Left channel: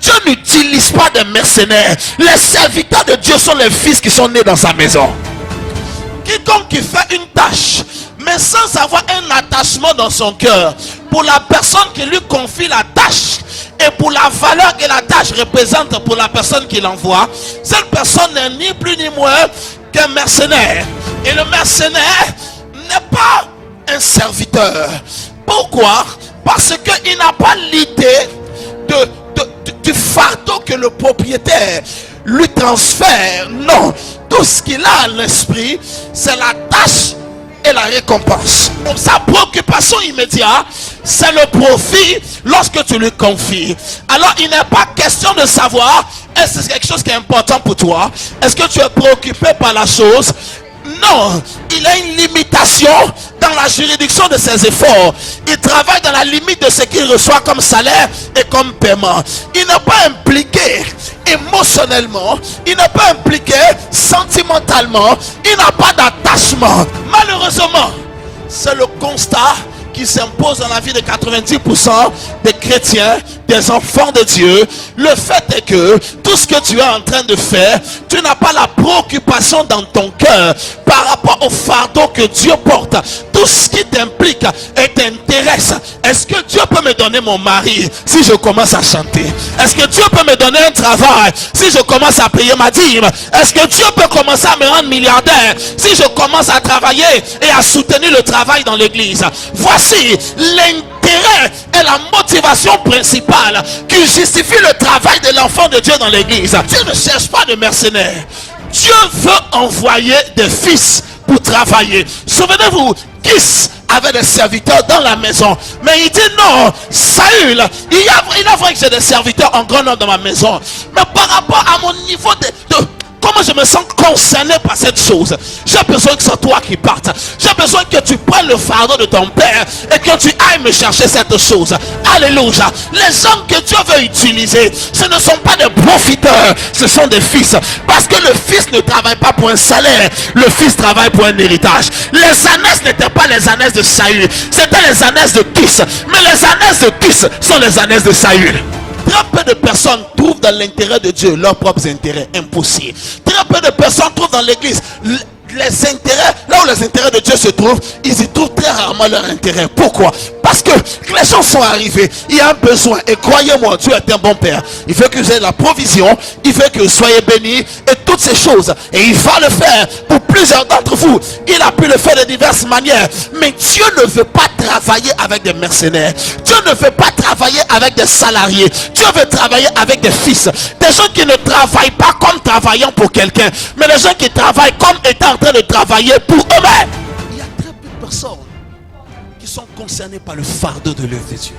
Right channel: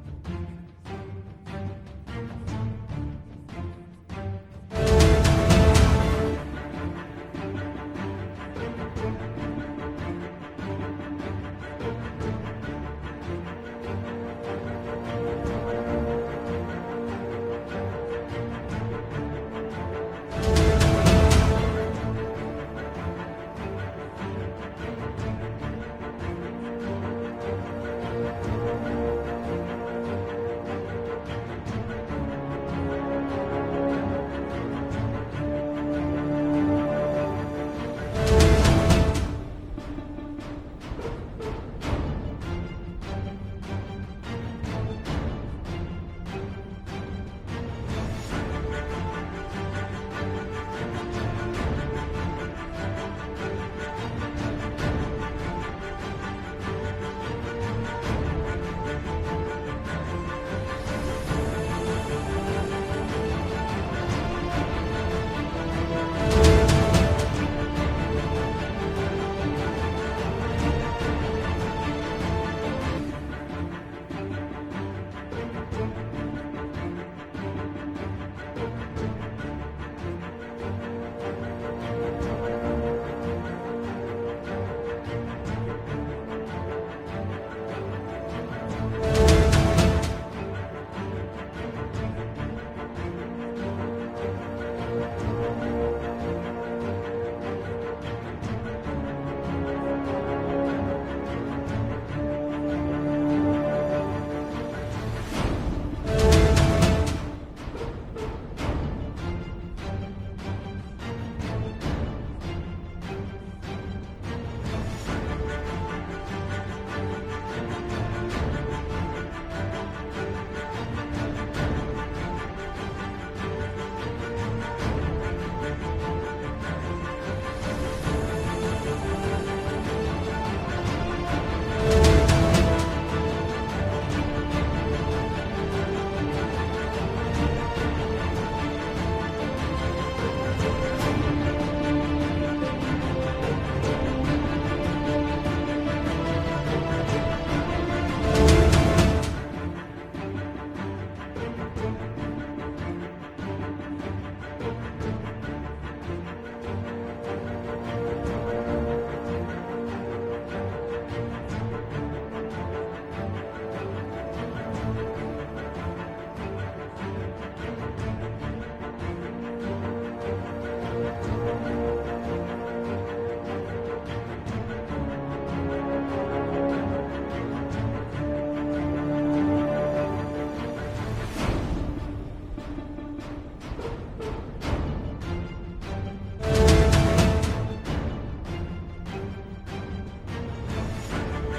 Dieu n'utilise pas de mercenaires. Les serviteurs de Dieu sont les fils qui sont nés dans sa maison. Quiconque qui fait une tâche, mais sans avoir un attachement dans son cœur pour la personne qui lui confie la tâche et pour la valeur que la tâche représente pour la personne qui l'envoie, cette personne n'est ni plus ni moins qu'un mercenaire. Et le mercenaire n'est pas un serviteur. Pourquoi? Parce qu'il n'a pas l'idée du fardeau que le propriétaire lui transfère. Non, tout ce qu'il a à l'esprit, c'est la tâche et la récompense. Donc sa préoccupation immédiate, c'est le profit lorsque tu lui confies. Alors il n'est pas question de savoir est-ce que c'est quelque chose qui est important pour toi. Est-ce que tu es préoccupé par la chose? Non, il a une limitation dans la juridiction de ses efforts. Il travaille dans la limite de ce qu'il reçoit comme salaire et comme paiement. Il n'est pas impliqué émotionnellement, il n'est pas impliqué sentimentalement, il n'a pas d'attachement. Malheureusement, c'est le constat qui s'impose dans la vie de 90% des chrétiens, des enfants de Dieu. Le fait est que tout ce que tu es en train de faire, tu n'as pas la préoccupation dans ton cœur par rapport au fardeau que Dieu porte. Tout ce qui t'implique et t'intéresse. Est-ce que Dieu peut me donner mon mari si je commence à chanter? Est-ce que Dieu peut me donner un travail si je commence à payer ma dîme? Est-ce que Dieu peut commencer à me rendre milliardaire si je commence à travailler et à soutenir le travail dans l'église? Voici l'intérêt et la motivation principale qui justifie le travail de l'enfant de Dieu dans l'église. Dieu ne cherche pas de mercenaires. Dieu veut envoyer des fils pour travailler. Souvenez-vous, Kis avait des serviteurs dans la maison, mais il dit non, Saül, il est vrai que j'ai des serviteurs en grand nombre dans ma maison, mais par rapport à mon niveau de comment je me sens concerné par cette chose, j'ai besoin que ce soit toi qui parte. J'ai besoin que tu prennes le fardeau de ton père et que tu ailles me chercher cette chose. Alléluia. Les hommes que Dieu veut utiliser, ce ne sont pas des profiteurs, ce sont des fils. Parce que le fils ne travaille pas pour un salaire, le fils travaille pour un héritage. Les ânesses n'étaient pas les ânesses de Saül, c'était les ânesses de Kis. Mais les ânesses de Kis sont les ânesses de Saül. Très peu de personnes trouvent dans l'intérêt de Dieu leurs propres intérêts. Impossible. Très peu de personnes trouvent dans l'église les intérêts, là où les intérêts de Dieu se trouvent, ils y trouvent très rarement leur intérêt. Pourquoi? Parce que les gens sont arrivés, il y a un besoin, et croyez-moi, Dieu est un bon père. Il veut que vous ayez la provision, il veut que vous soyez bénis, et toutes ces choses, et il va le faire pour plusieurs d'entre vous. Il a pu le faire de diverses manières, mais Dieu ne veut pas travailler avec des mercenaires. Dieu ne veut pas travailler avec des salariés. Dieu veut travailler avec des fils, des gens qui ne travaillent pas comme travaillant pour quelqu'un, mais des gens qui travaillent comme étant en train de travailler pour eux-mêmes. Il y a très peu de personnes qui sont concernées par le fardeau de l'œuvre de Dieu.